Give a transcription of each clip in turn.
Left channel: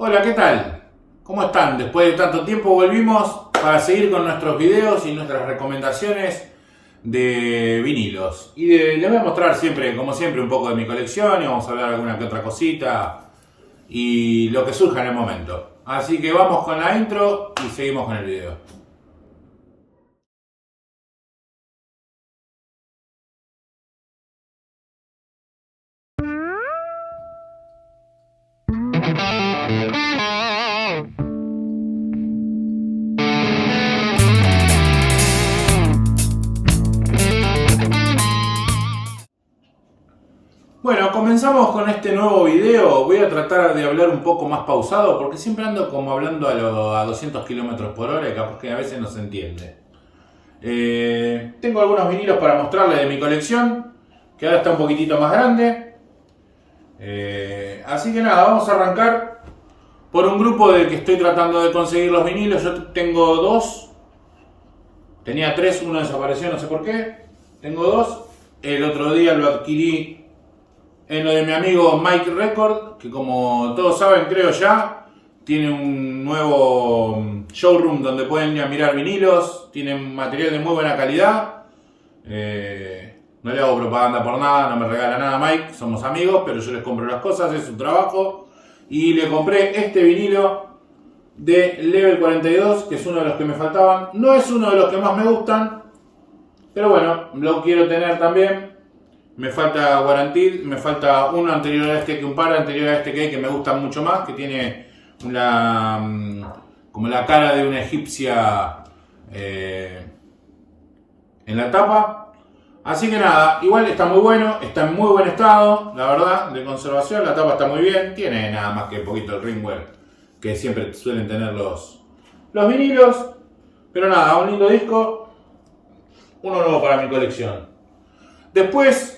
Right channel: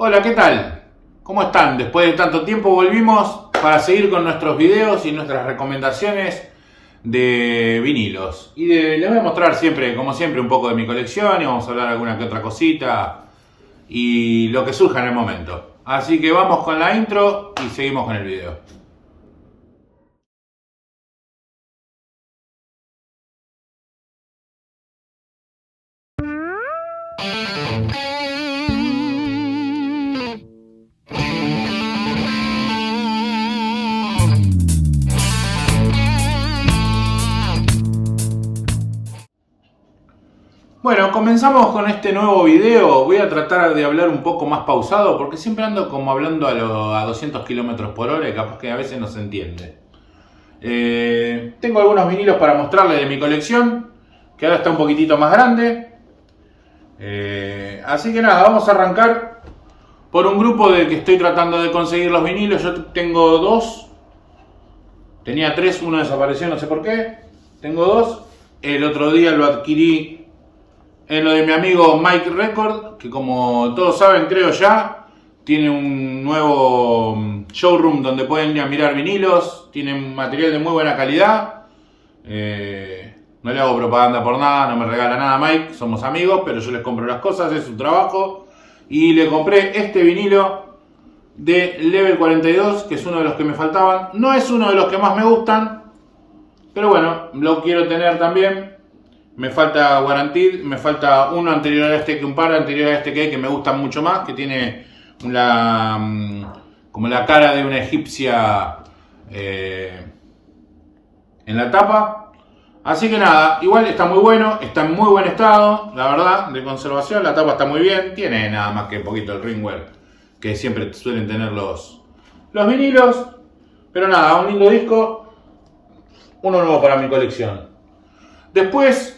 Hola, ¿qué tal? ¿Cómo están? Después de tanto tiempo volvimos para seguir con nuestros videos y nuestras recomendaciones de vinilos. Les voy a mostrar siempre, como siempre, un poco de mi colección y vamos a hablar alguna que otra cosita y lo que surja en el momento. Así que vamos con la intro y seguimos con el video. Bueno, comenzamos con este nuevo video. Voy a tratar de hablar un poco más pausado porque siempre ando como hablando a 200 km por hora y capaz que a veces no se entiende. Tengo algunos vinilos para mostrarles de mi colección, que ahora está un poquitito más grande. Así que nada, vamos a arrancar por un grupo del que estoy tratando de conseguir los vinilos. Yo tengo dos. Tenía tres, uno desapareció, no sé por qué. Tengo dos. El otro día lo adquirí en lo de mi amigo Mike Record, que como todos saben, creo ya, tiene un nuevo showroom donde pueden ir a mirar vinilos. Tiene material de muy buena calidad. No le hago propaganda por nada, no me regala nada Mike, somos amigos, pero yo les compro las cosas, es su trabajo. Y le compré este vinilo de Level 42, que es uno de los que me faltaban. No es uno de los que más me gustan, pero bueno, lo quiero tener también. Me falta Guaranteed, me falta uno anterior a este, un par anterior a este que hay, que me gustan mucho más, que tiene como la cara de una egipcia en la tapa. Así que nada, igual está muy bueno, está en muy buen estado, la verdad, de conservación. La tapa está muy bien, tiene nada más que un poquito el ringwear que siempre suelen tener los vinilos. Pero nada, un lindo disco, uno nuevo para mi colección. Después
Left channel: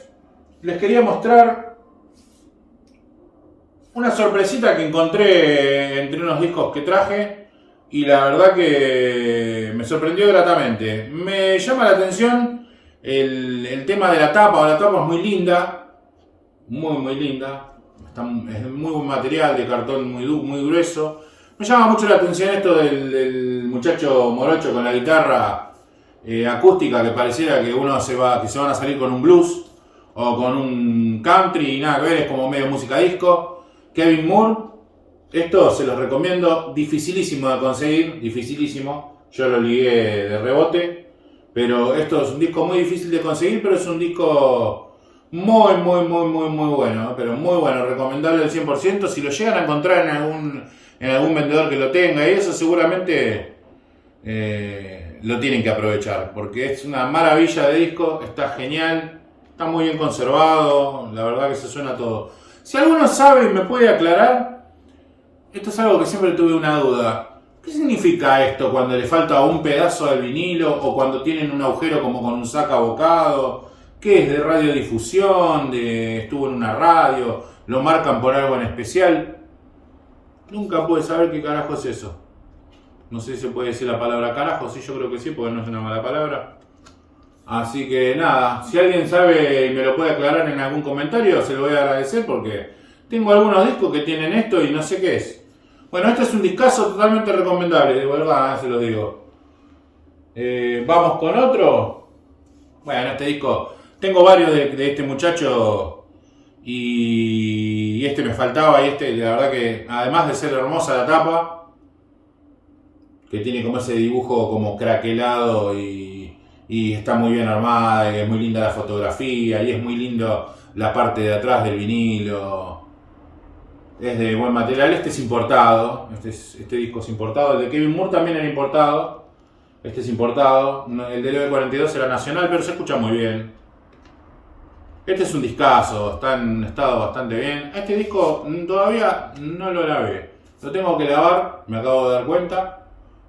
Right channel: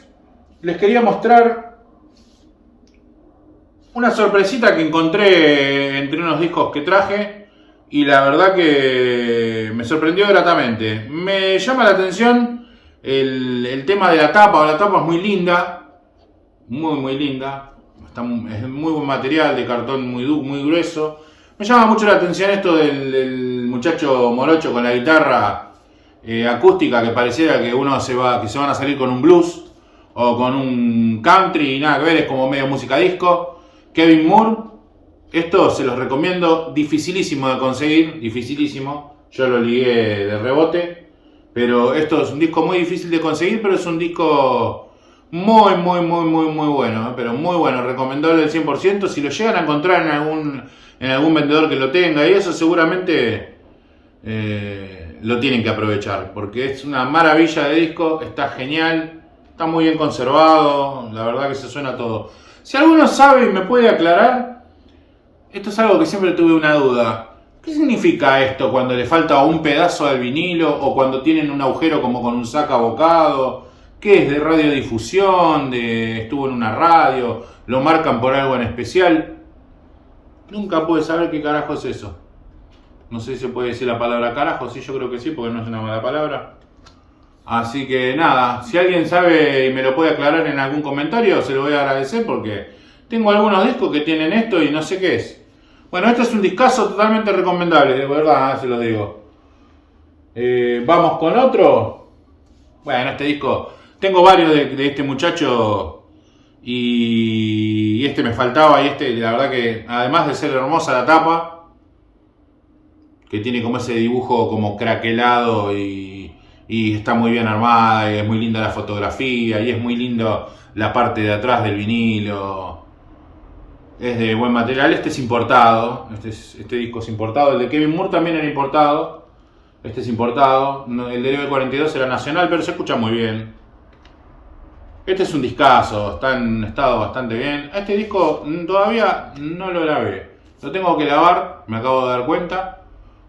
les quería mostrar una sorpresita que encontré entre unos discos que traje y la verdad que me sorprendió gratamente. Me llama la atención el tema de la tapa. La tapa es muy linda, muy linda. Es muy buen material, de cartón muy grueso. Me llama mucho la atención esto del muchacho morocho con la guitarra acústica, que pareciera que se van a salir con un blues o con un country y nada que ver, es como medio música disco. Kevin Moore, esto se los recomiendo, dificilísimo de conseguir, dificilísimo. Yo lo ligué de rebote, pero esto es un disco muy difícil de conseguir, pero es un disco muy bueno, pero muy bueno, recomendable al 100%. Si lo llegan a encontrar en algún vendedor que lo tenga y eso, seguramente lo tienen que aprovechar, porque es una maravilla de disco, está genial. Está muy bien conservado, la verdad que se suena todo. Si alguno sabe y me puede aclarar, esto es algo que siempre tuve una duda. ¿Qué significa esto cuando le falta un pedazo del vinilo o cuando tienen un agujero como con un saca abocado? ¿Qué es de radiodifusión? ¿Estuvo en una radio? ¿Lo marcan por algo en especial? Nunca pude saber qué carajo es eso. No sé si se puede decir la palabra carajo, sí, yo creo que sí, porque no es una mala palabra. Así que nada, si alguien sabe y me lo puede aclarar en algún comentario, se lo voy a agradecer porque tengo algunos discos que tienen esto y no sé qué es. Bueno, este es un discazo totalmente recomendable, de verdad, se lo digo. Vamos con otro. Bueno, este disco, tengo varios de este muchacho y este me faltaba. Y este, la verdad que además de ser hermosa la tapa, que tiene como ese dibujo como craquelado y está muy bien armada, y es muy linda la fotografía, y es muy lindo la parte de atrás del vinilo. Es de buen material. Este es importado, este disco es importado. El de Kevin Moore también era importado. Este es importado. El de Level 42 era nacional, pero se escucha muy bien. Este es un discazo, está en estado bastante bien. Este disco todavía no lo lavé. Lo tengo que lavar, me acabo de dar cuenta,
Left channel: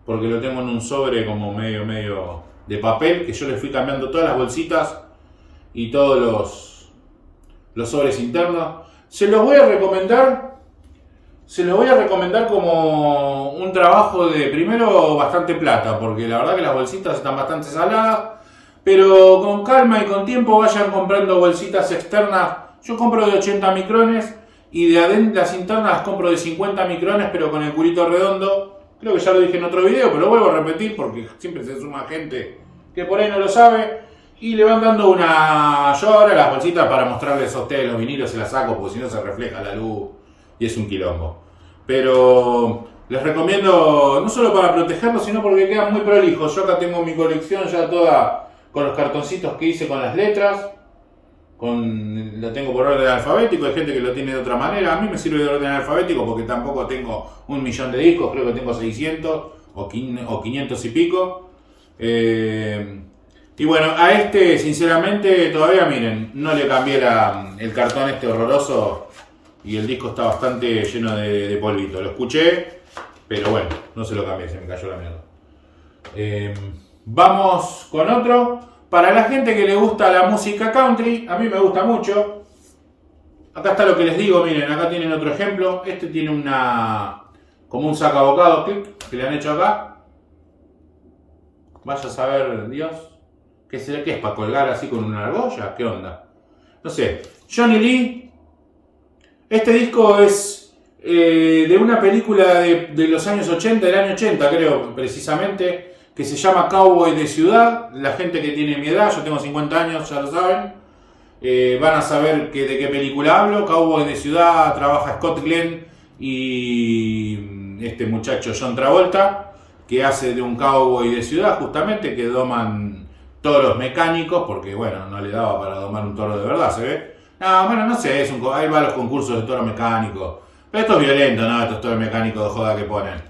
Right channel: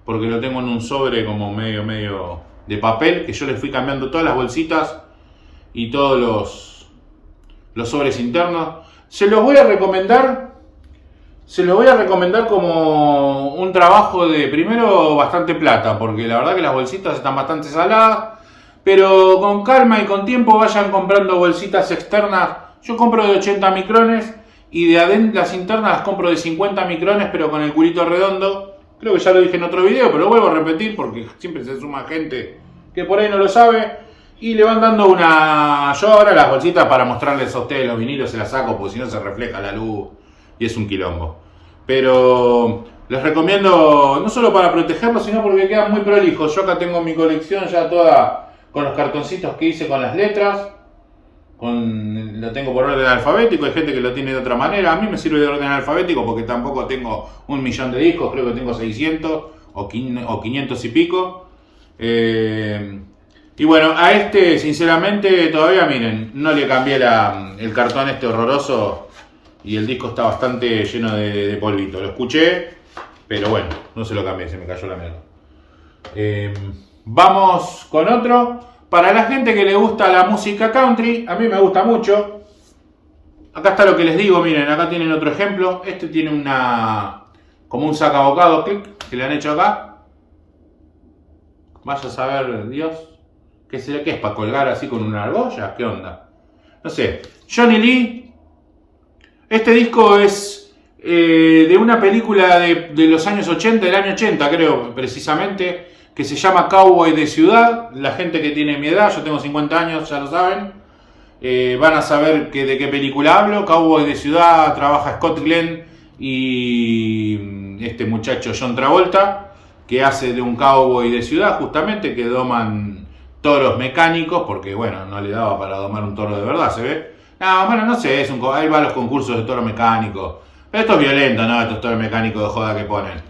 porque lo tengo en un sobre como medio de papel, que yo le fui cambiando todas las bolsitas y todos los sobres internos. Se los voy a recomendar como un trabajo de, primero, bastante plata, porque la verdad que las bolsitas están bastante saladas, pero con calma y con tiempo vayan comprando bolsitas externas. Yo compro de 80 micrones Y de adentro las internas las compro de 50 micrones, pero con el culito redondo. Creo que ya lo dije en otro video, pero lo vuelvo a repetir porque siempre se suma gente que por ahí no lo sabe. Y le van dando una... Yo ahora las bolsitas para mostrarles a ustedes los vinilos se las saco porque si no se refleja la luz y es un quilombo. Pero les recomiendo no solo para protegerlos, sino porque quedan muy prolijos. Yo acá tengo mi colección ya toda con los cartoncitos que hice con las letras. Lo tengo por orden alfabético, hay gente que lo tiene de otra manera. A mí me sirve de orden alfabético porque tampoco tengo 1.000.000 de discos, creo que tengo 600 o 500 y pico. Y bueno, a este sinceramente todavía miren, no le cambié el cartón este horroroso y el disco está bastante lleno de polvito. Lo escuché, pero bueno, no se lo cambié, se me cayó la mierda. Vamos con otro. Para la gente que le gusta la música country, a mí me gusta mucho. Acá está lo que les digo, miren, acá tienen otro ejemplo. Este tiene como un sacabocado, clic, que le han hecho acá. Vaya a saber, Dios, ¿qué será? ¿Qué es? ¿Para colgar así con una argolla? ¿Qué onda? No sé. Johnny Lee. Este disco es de una película de los años 80, del año 80 creo, precisamente, que se llama Cowboy de Ciudad. La gente que tiene mi edad, yo tengo 50 años, ya lo saben, van a saber de qué película hablo. Cowboy de Ciudad, trabaja Scott Glenn y este muchacho John Travolta, que hace de un cowboy de ciudad justamente, que doman toros mecánicos, porque bueno, no le daba para domar un toro de verdad, ¿se ve? No, bueno, no sé, ahí va a los concursos de toro mecánico. Pero esto es violento, ¿no? Estos toros mecánicos de joda que ponen.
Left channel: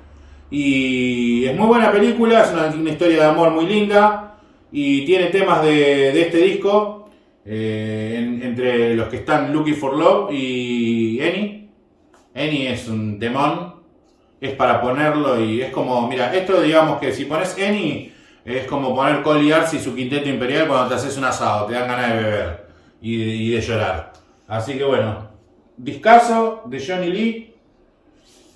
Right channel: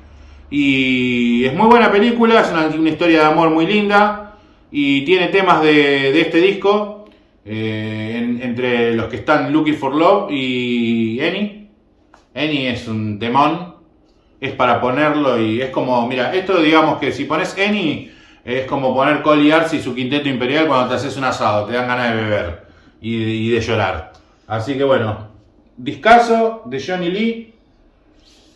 Y es muy buena película, es una historia de amor muy linda. Y tiene temas de este disco, entre los que están Looking for Love y Annie. Annie es un temón, es para ponerlo y es como, mira, esto digamos que si pones Annie es como poner Cole Arce y su quinteto imperial cuando te haces un asado, te dan ganas de beber y de llorar. Así que bueno, discazo de Johnny Lee.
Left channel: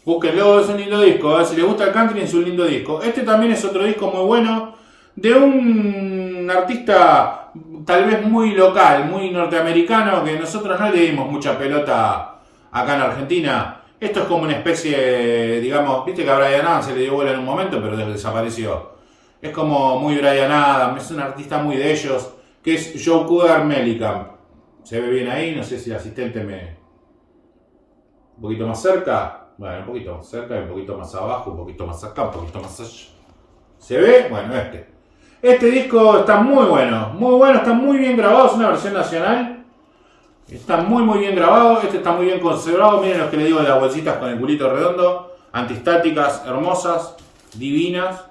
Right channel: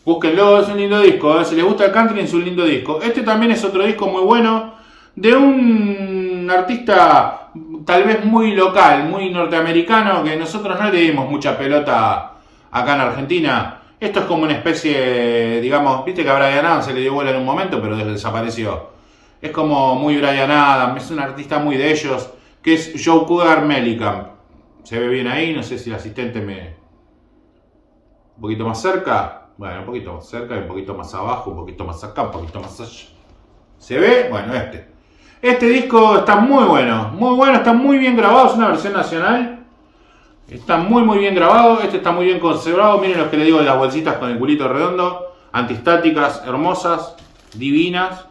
Búsquenlo, es un lindo disco, si les gusta el country es un lindo disco. Este también es otro disco muy bueno, de un artista tal vez muy local, muy norteamericano, que nosotros no le dimos mucha pelota acá en Argentina. Esto es como una especie, digamos, viste que a Bryan Adams se le dio bola en un momento, pero desapareció. Es como muy Bryan Adams, es un artista muy de ellos, que es Joe Cougar Mellencamp. ¿Se ve bien ahí? No sé si el asistente un poquito más cerca. Bueno, un poquito más cerca, un poquito más abajo, un poquito más acá, un poquito más allá. ¿Se ve? Bueno, Este disco está muy bueno, está muy bien grabado, es una versión nacional. Está muy bien grabado, este está muy bien conservado. Miren los que le digo de las bolsitas con el culito redondo, antiestáticas, hermosas, divinas.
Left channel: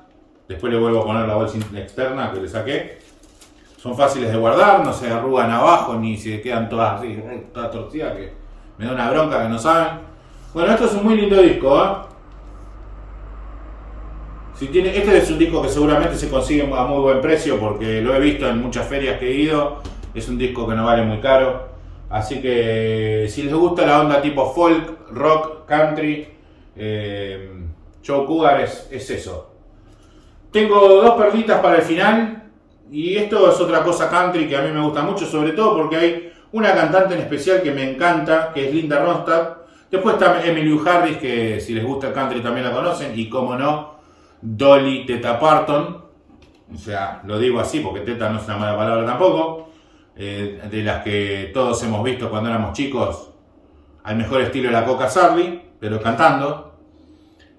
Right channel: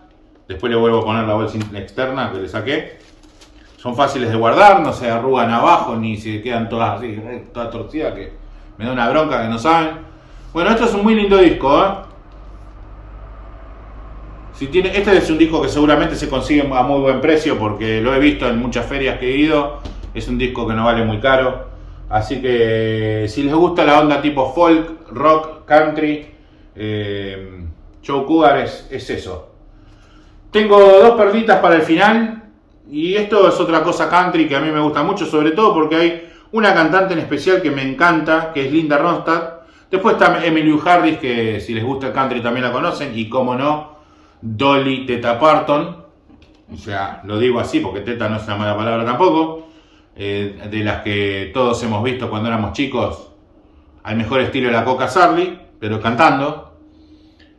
Después le vuelvo a poner la bolsa externa que le saqué. Son fáciles de guardar, no se arrugan abajo ni se quedan todas así, todas torcidas, que me da una bronca que no saben. Bueno, esto es un muy lindo disco, ¿eh? Este es un disco que seguramente se consigue a muy buen precio porque lo he visto en muchas ferias que he ido. Es un disco que no vale muy caro. Así que si les gusta la onda tipo folk, rock, country, Joe Cougar es eso. Tengo dos perlitas para el final. Y esto es otra cosa country que a mí me gusta mucho, sobre todo porque hay una cantante en especial que me encanta, que es Linda Ronstadt. Después está Emmylou Harris, que si les gusta el country también la conocen. Y como no, Dolly Teta Parton. O sea, lo digo así porque teta no es una mala palabra tampoco. De las que todos hemos visto cuando éramos chicos, al mejor estilo de la Coca Sarli, pero cantando.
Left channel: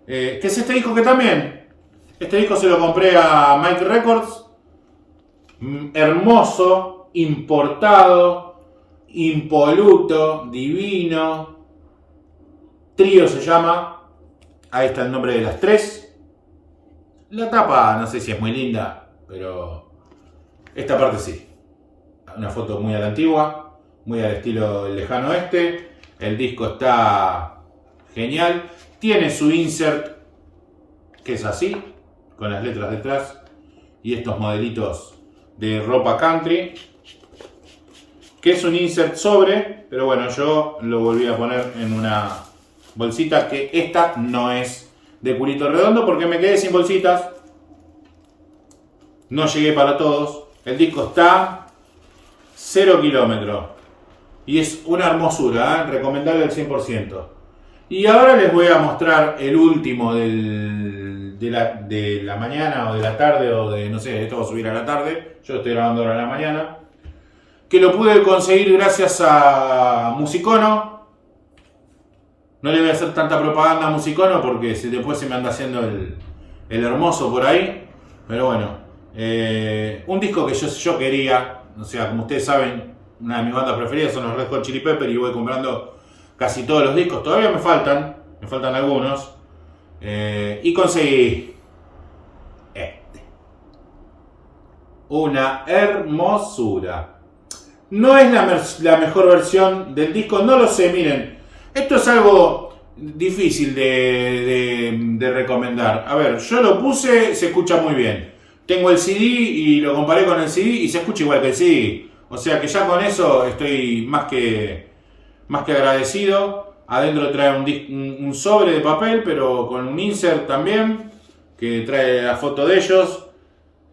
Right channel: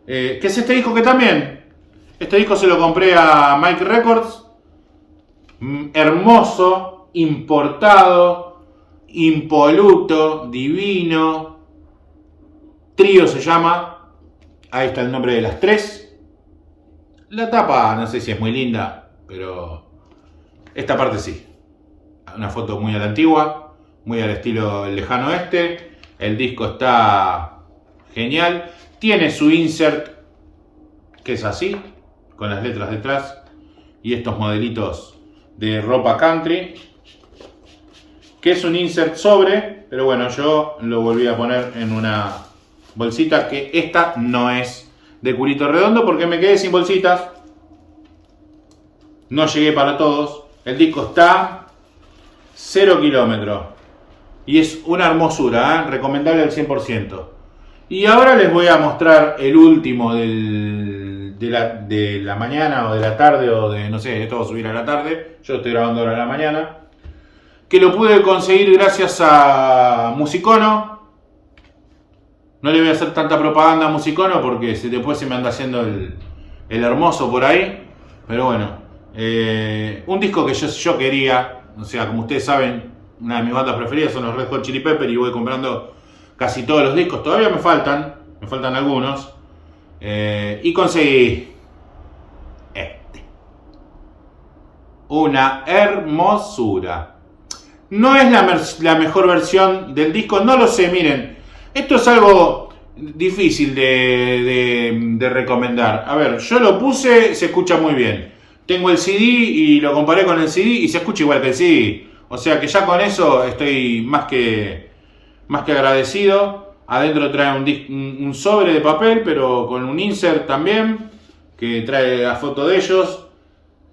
Que es este disco que también. Este disco se lo compré a Mike Records. Hermoso, importado, impoluto, divino. Trío se llama. Ahí está el nombre de las tres. La tapa no sé si es muy linda, pero esta parte sí. Una foto muy a la antigua, muy al estilo lejano oeste. El disco está genial. Tiene su insert, que es así, con las letras detrás. Y estos modelitos de ropa country, que es un insert sobre, pero bueno, yo lo volví a poner en una bolsita, que esta no es de culito redondo porque me quedé sin bolsitas. No llegué para todos. El disco está 0 kilómetros. Y es una hermosura, recomendable al 100%. Y ahora les voy a mostrar el último de la mañana o de la tarde o de, no sé, esto va a subir a la tarde. Yo lo estoy grabando ahora en la mañana. Que lo pude conseguir gracias a Musicono. No le voy a hacer tanta propaganda a Musicono porque después se me anda haciendo el hermoso por ahí. Pero bueno, un disco que yo quería, o sea, como ustedes saben, una de mis bandas preferidas son los Red Hot Chili Peppers y voy comprando casi todos los discos. Todavía me faltan algunos. Y conseguí una hermosura. No es la mejor versión del disco, no lo sé, miren. Esto es algo difícil de recomendar. A ver, yo lo puse, se escucha muy bien. Tengo el CD y lo comparé con el CD y se escucha igual que el CD. O sea que ya con eso estoy más que agradecido. Adentro trae un sobre de papel, pero con un insert también, que trae la foto de ellos.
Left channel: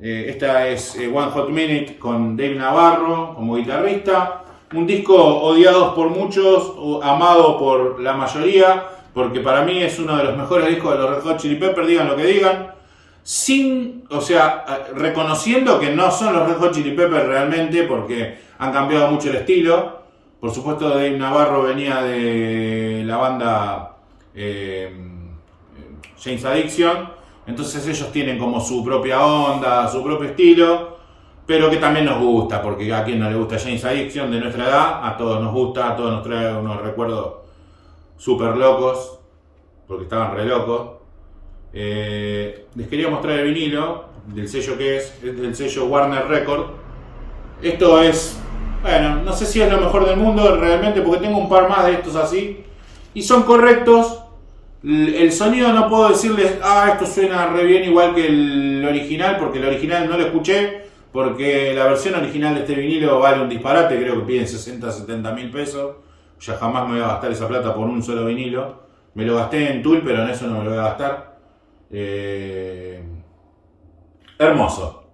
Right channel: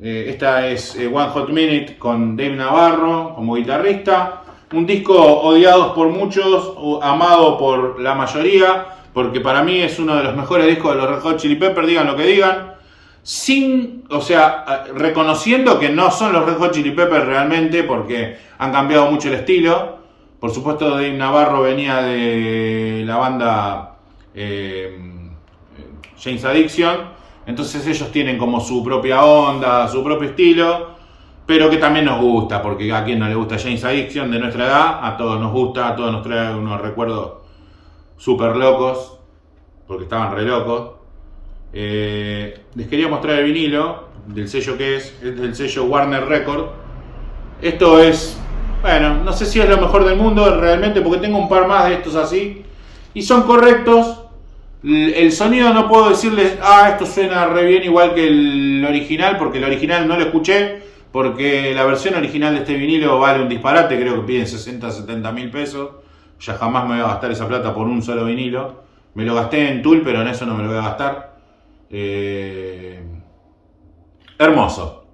Esta es One Hot Minute con Dave Navarro como guitarrista. Un disco odiado por muchos, amado por la mayoría, porque para mí es uno de los mejores discos de los Red Hot Chili Peppers, digan lo que digan. Reconociendo que no son los Red Hot Chili Peppers realmente, porque han cambiado mucho el estilo. Por supuesto, Dave Navarro venía de la banda Jane's Addiction. Entonces ellos tienen como su propia onda, su propio estilo, pero que también nos gusta, porque a quien no le gusta Jane's Addiction de nuestra edad, a todos nos gusta, a todos nos trae unos recuerdos súper locos, porque estaban re locos. Les quería mostrar el vinilo, del sello que es del sello Warner Record. Esto es, bueno, no sé si es lo mejor del mundo realmente, porque tengo un par más de estos así, y son correctos. El sonido no puedo decirles, esto suena re bien igual que el original, porque el original no lo escuché, porque la versión original de este vinilo vale un disparate, creo que piden 60, 70 mil pesos. Ya jamás me voy a gastar esa plata por un solo vinilo. Me lo gasté en Tool, pero en eso no me lo voy a gastar. Hermoso.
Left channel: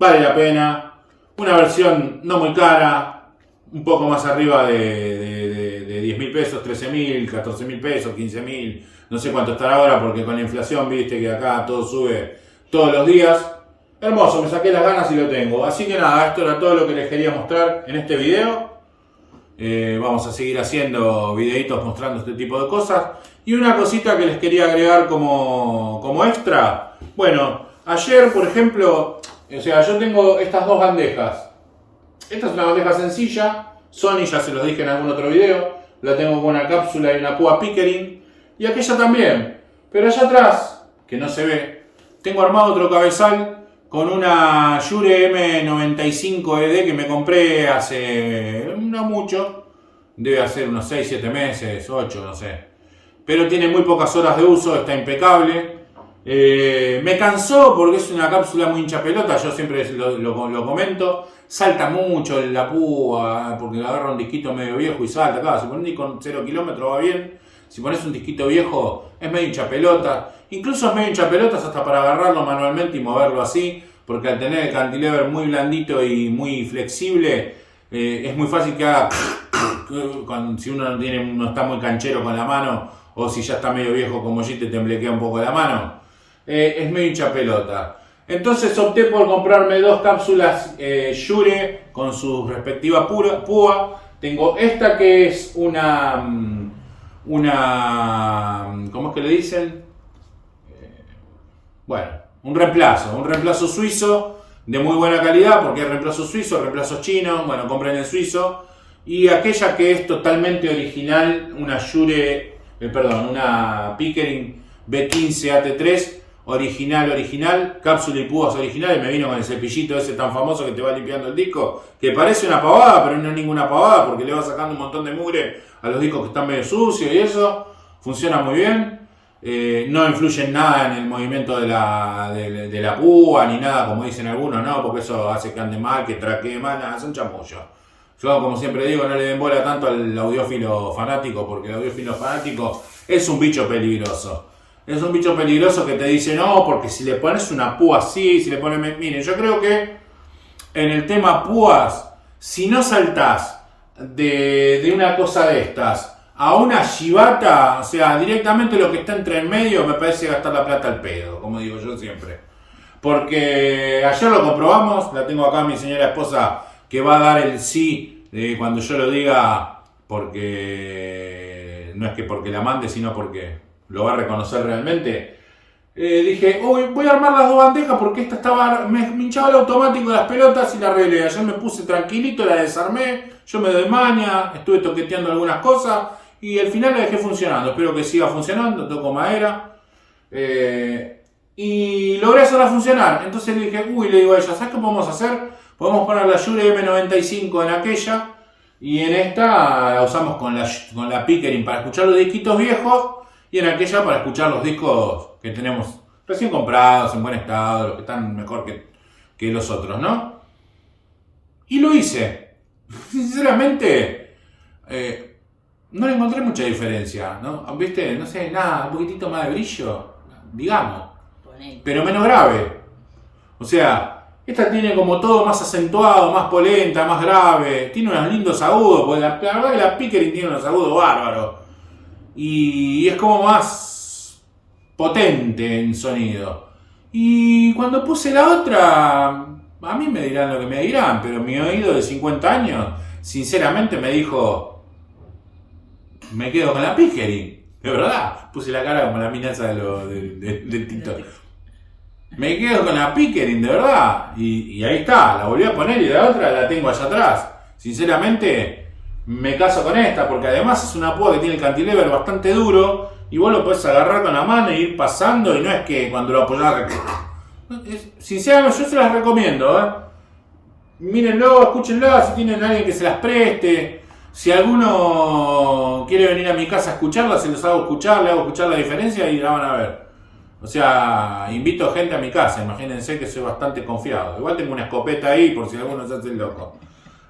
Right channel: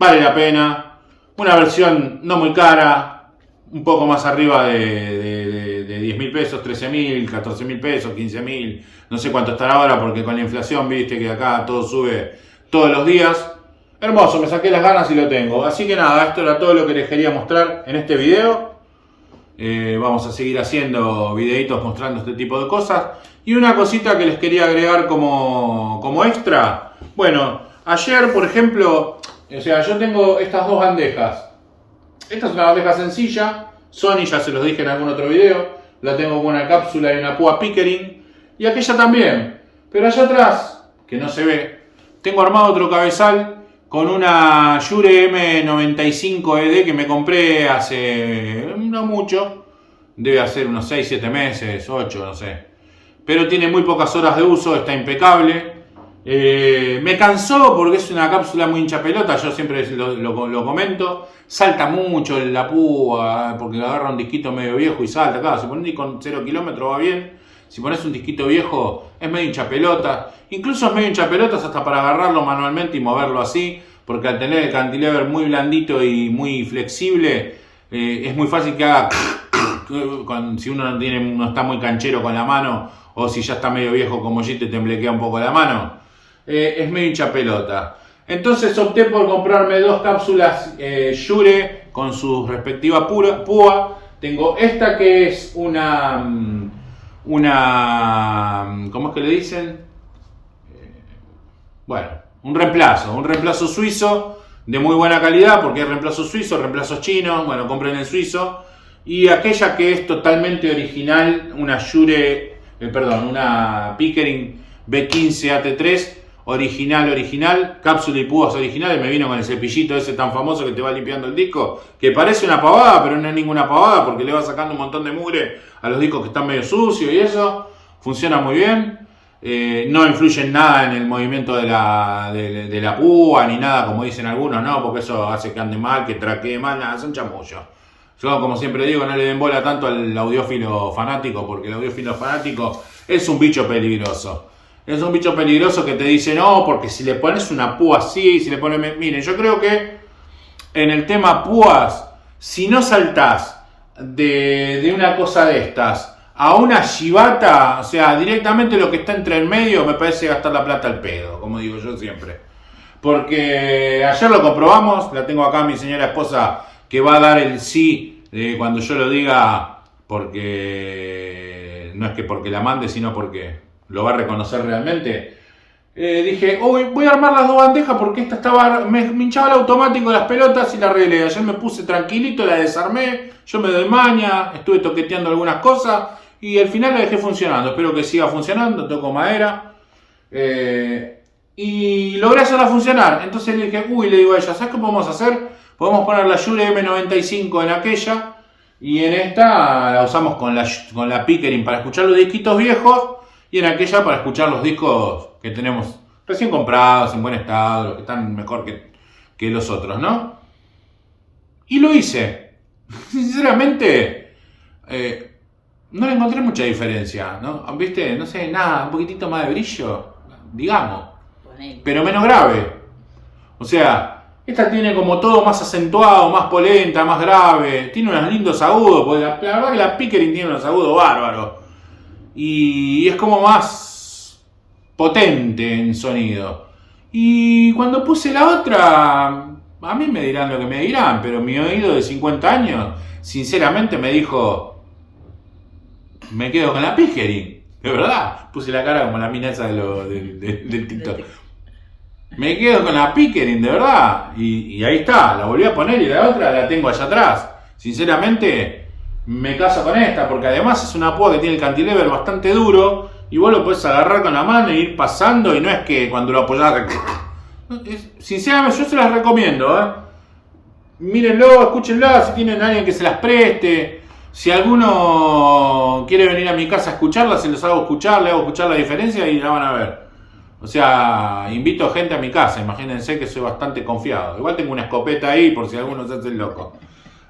Vale la pena. Una versión no muy cara, un poco más arriba de 10 mil pesos, 13 mil, 14 mil pesos, 15 mil, no sé cuánto estará ahora porque con la inflación, viste que acá todo sube todos los días. Hermoso, me saqué las ganas y lo tengo. Así que nada, esto era todo lo que les quería mostrar en este video. Vamos a seguir haciendo videitos mostrando este tipo de cosas. Y una cosita que les quería agregar como extra. Bueno, ayer por ejemplo, o sea, yo tengo estas dos bandejas. Esta es una bandeja sencilla, Sony, ya se los dije en algún otro video. La tengo con una cápsula y una púa Pickering. Y aquella también. Pero allá atrás, que no se ve, tengo armado otro cabezal con una Shure M95ED que me compré hace no mucho. Debe hacer unos 6, 7 meses, 8, no sé. Pero tiene muy pocas horas de uso, está impecable. Me cansó porque es una cápsula muy hincha pelota, yo siempre lo comento. Salta mucho la púa porque agarra un disquito medio viejo y salta. Claro, si pones un disco con 0 kilómetros va bien. Si pones un disquito viejo es medio hincha pelota. Incluso es medio hincha pelotas hasta para agarrarlo manualmente y moverlo así. Porque al tener el cantilever muy blandito y muy flexible, es muy fácil que haga si uno no está muy canchero con la mano, o si ya está medio viejo como yo y te temblequea un poco la mano. Es medio hincha pelota. Entonces opté por comprarme dos cápsulas Shure con su respectiva púa. Tengo esta que es una ¿cómo es que le dicen? Bueno, un reemplazo suizo de muy buena calidad, porque hay reemplazos suizos, reemplazos chinos, bueno, compren el suizo. Y aquella que es totalmente original, una una Pickering B15 AT3, original, cápsula y púas originales. Me vino con el cepillito ese tan famoso que te va limpiando el disco, que parece una pavada, pero no es ninguna pavada, porque le va sacando un montón de mugre a los discos que están medio sucios y eso. Funciona muy bien. No influye en nada en el movimiento de la púa, ni nada como dicen algunos, no, porque eso hace que ande mal, que traquee mal, nada, son chamullos. Yo, como siempre digo, no le den bola tanto al audiófilo fanático, porque el audiófilo fanático es un bicho peligroso. Es un bicho peligroso que te dice, no, porque si le pones una púa así, si le pones... Miren, yo creo que en el tema púas, si no saltás de una cosa de estas a una chivata, o sea, directamente lo que está entre el medio, me parece gastar la plata al pedo, como digo yo siempre. Porque ayer lo comprobamos, la tengo acá mi señora esposa que va a dar el sí cuando yo lo diga, porque no es que porque la mande, sino porque lo va a reconocer realmente. Dije, uy, voy a armar las dos bandejas porque esta estaba, me hinchaba el automático de las pelotas y la arreglé. Ayer me puse tranquilito, la desarmé, yo me doy maña, estuve toqueteando algunas cosas y al final la dejé funcionando. Espero que siga funcionando, toco madera. Y logré hacerla funcionar. Entonces le dije, le digo a ella, ¿sabes qué podemos hacer? Podemos poner la Shure M95 en aquella y en esta la usamos con la Pickering para escuchar los disquitos viejos y en aquella para escuchar los discos que tenemos recién comprados, en buen estado, los que están mejor que los otros, ¿no? Y lo hice. Sinceramente, no le encontré mucha diferencia, ¿no? ¿Viste? No sé, nada, un poquitito más de brillo, digamos. Pero menos grave. O sea, esta tiene como todo más acentuado, más polenta, más grave. Tiene unos lindos agudos, porque la verdad que la Pickering tiene unos agudos bárbaros. Y es como más potente en sonido. Y cuando puse la otra, a mí me dirán lo que me dirán, pero mi oído de 50 años, sinceramente me dijo, me quedo con la Pickering. De verdad, puse la cara como la mina esa del TikTok. Me quedo con la Pickering, de verdad. Y ahí está, la volví a poner y la otra la tengo allá atrás. Sinceramente, me caso con esta, porque además es una púa que tiene el cantilever bastante duro y vos lo podés agarrar con la mano e ir pasando y no es que cuando lo apoyás... Sinceramente, yo se las recomiendo, Mírenlo, escúchenla, si tienen a alguien que se las preste. Si alguno quiere venir a mi casa a escucharla, se los hago escuchar, le hago escuchar la diferencia y la van a ver. O sea, invito gente a mi casa, imagínense que soy bastante confiado. Igual tengo una escopeta ahí por si alguno se hace el loco.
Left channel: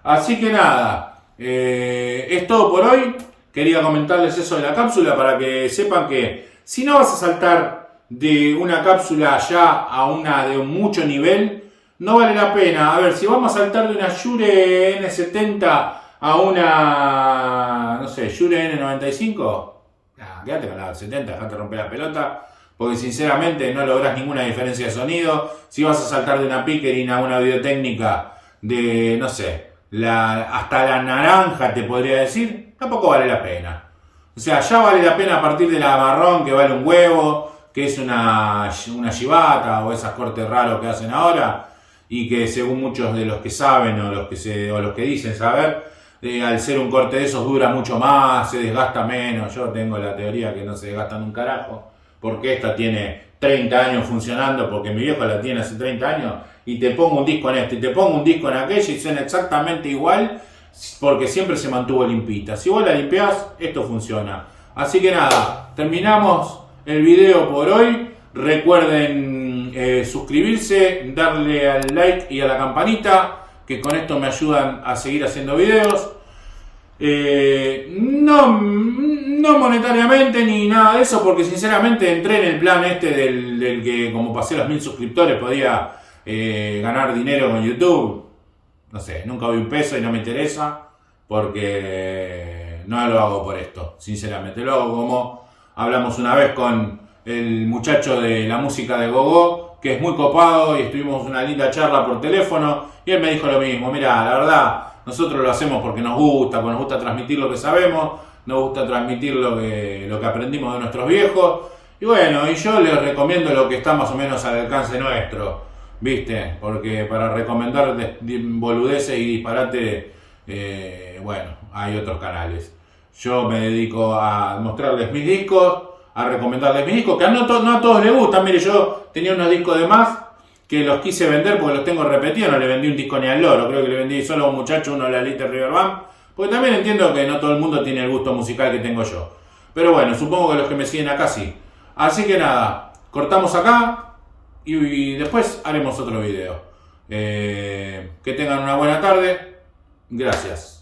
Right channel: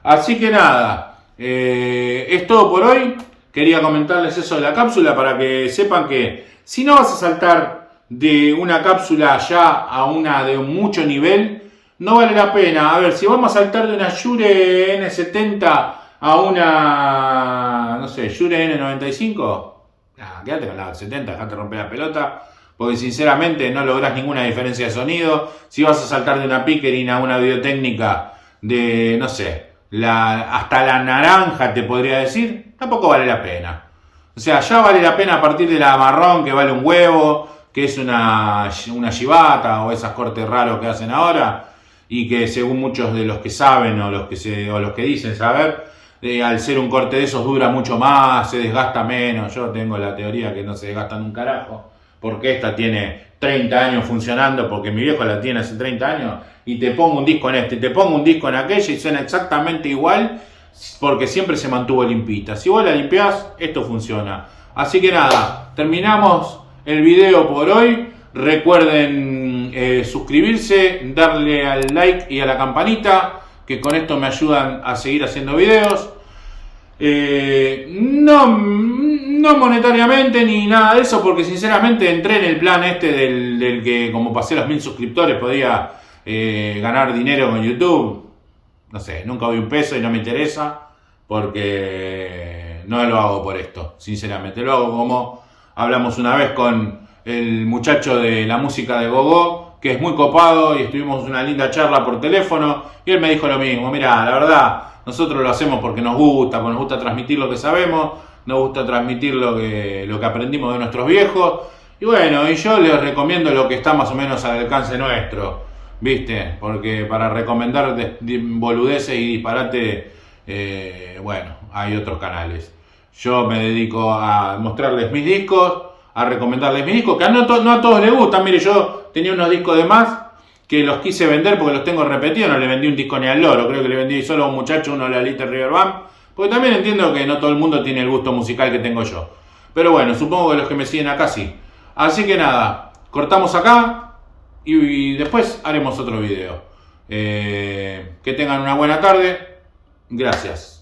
Así que nada, es todo por hoy. Quería comentarles eso de la cápsula para que sepan que si no vas a saltar de una cápsula ya a una de mucho nivel, no vale la pena. A ver, si vamos a saltar de una Shure N70 a una, no sé, Shure N95, quédate con la 70, dejate romper la pelota. Porque sinceramente no lográs ninguna diferencia de sonido. Si vas a saltar de una Pickering a una Videotécnica de, no sé, hasta la naranja te podría decir, tampoco vale la pena. O sea, ya vale la pena a partir de la marrón que vale un huevo, que es una chivata o esos cortes raros que hacen ahora y que según muchos de los que saben o los que dicen saber, al ser un corte de esos dura mucho más, se desgasta menos. Yo tengo la teoría que no se desgastan un carajo. Porque esta tiene 30 años funcionando, porque mi viejo la tiene hace 30 años, y te pongo un disco en este, y te pongo un disco en aquella, y suena exactamente igual, porque siempre se mantuvo limpita. Si vos la limpiás, esto funciona. Así que nada, terminamos el video por hoy. Recuerden suscribirse, darle al like y a la campanita, que con esto me ayudan a seguir haciendo videos. No monetariamente ni nada de eso, porque sinceramente entré en el plan este del que como pasé los 1000 suscriptores podía ganar dinero con YouTube. No sé, nunca doy un peso y no me interesa, porque no lo hago por esto, sinceramente. Lo hago como hablamos una vez con el muchacho de la música de Gogó, que es muy copado, y estuvimos una linda charla por teléfono, y él me dijo lo mismo. Mira, la verdad, nosotros lo hacemos porque nos gusta transmitir lo que sabemos, nos gusta transmitir lo que aprendimos de nuestros viejos. Y bueno, y yo les recomiendo lo que está más o menos al alcance nuestro, ¿viste? Porque para recomendar boludeces y disparate, bueno, hay otros canales. Yo me dedico a mostrarles mis discos, a recomendarles mis discos, que no a todos les gustan. Mire, yo tenía unos discos de más que los quise vender porque los tengo repetidos, no le vendí un disco ni al loro, creo que le vendí solo a un muchacho uno de la Little River Band, porque también entiendo que no todo el mundo tiene el gusto musical que tengo yo. Pero bueno, supongo que los que me siguen acá sí. Así que nada, cortamos acá y después haremos otro video. Que tengan una buena tarde. Gracias.